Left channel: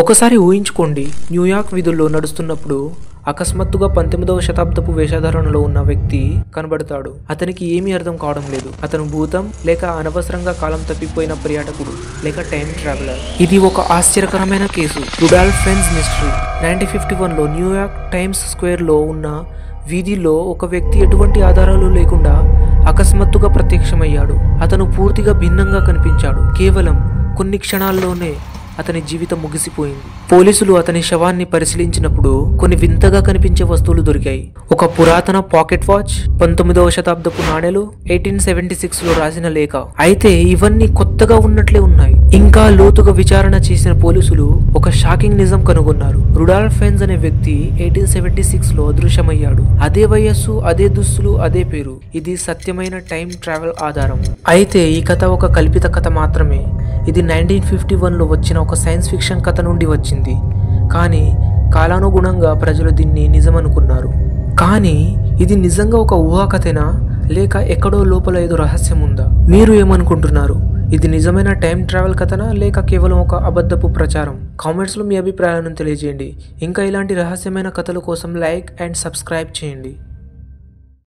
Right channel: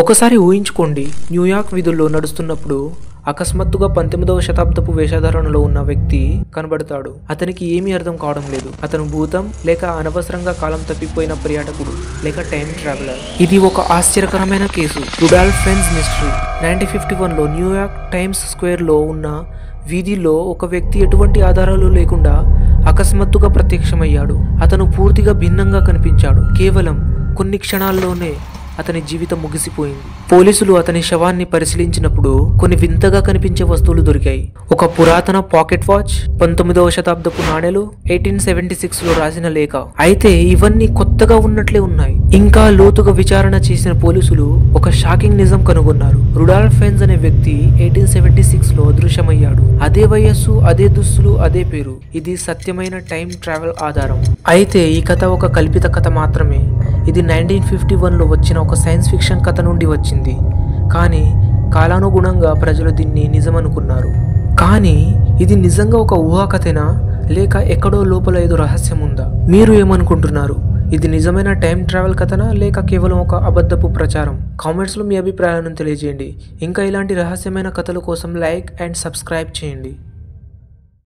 ఒకసారి ఊహించుకోండి, న్యూయార్క్ వీధుల్లో నడుస్తున్నప్పుడు అకస్మాత్తుగా 19వ శతాబ్దపు వేషధారణలో ఉన్న వ్యక్తి కనబడతాడు. అతనికి ఏమీ అర్థం కావడం లేదు. అతను భూతం, లేక అనవసరంగా కాలం తప్పిపోయిన పర్యాటకుడు, లేక టైం ట్రావెలర్. ఇది ఒక ఆశ్చర్యకరమైన కేసు. Rudolph Fentz mystery. 1951లో న్యూయార్క్ టైమ్స్ స్క్వేర్లో ఉన్న వీధిలో ఒక వ్యక్తి ఎటువంటి ఆధారాలు లేకుండా అకస్మాత్తుగా ప్రత్యక్షమయ్యాడు. అతను పూర్తిగా భిన్నంగా కనిపించాడు. కేవలం కొన్ని క్షణాల్లోనే అతని జీవితం ముగిసిపోయింది. పోలీసులు అతని శవాన్ని పరిశీలించినప్పుడు కొన్ని వింతగా కనిపించే వస్తువులు దొరికాయి. ఒక పురాతన పాకెట్ వాచ్, 19వ శతాబ్దపు నాణేలు, 1876లో రాసిన లేఖ. అయితే ఇవన్నీ కొత్తగా ఉన్నట్లే ఉన్నాయి. ఇంకా లోతుగా విచారణ చేసిన పోలీసులు ఒక షాకింగ్ నిజం కనుగొన్నారు. రుడాల్ఫ్ ఫెన్స్ అనే వ్యక్తి 1876లో అదృశ్యమయ్యాడు. అదే వయస్సు, అదే దుస్తులు, అదే పేరు. ఇది సత్యమైన టైం ట్రావెల్ ఆధారం. అయితే ఈ కథ ఒక కల్పిత కథ మాత్రమే. ఇది 1951లో వచ్చిన ఒక సైన్స్ ఫిక్షన్ కథ నుండి వచ్చింది. కానీ కాలానుగుణంగా ప్రజలు దీన్ని నిజమనుకున్నారు. కానీ ఇది నిజంగా ఒక ఊహాకథేనా, లేక ఎక్కడో లోపల ఏదో రహస్యం ఉందా? మీరు ఏమనుకుంటున్నారు? ఇది నిజమైన టైం ట్రావెల్ కథనా, లేక కేవలం ఒక అబద్ధపు ప్రచారం? కామెంట్స్లో మీ అభిప్రాయాలను తెలియజేయండి. ఇంకా ఇలాంటి రహస్యమైన కథల కోసం లైక్ అండ్ సబ్స్క్రైబ్ చేయండి.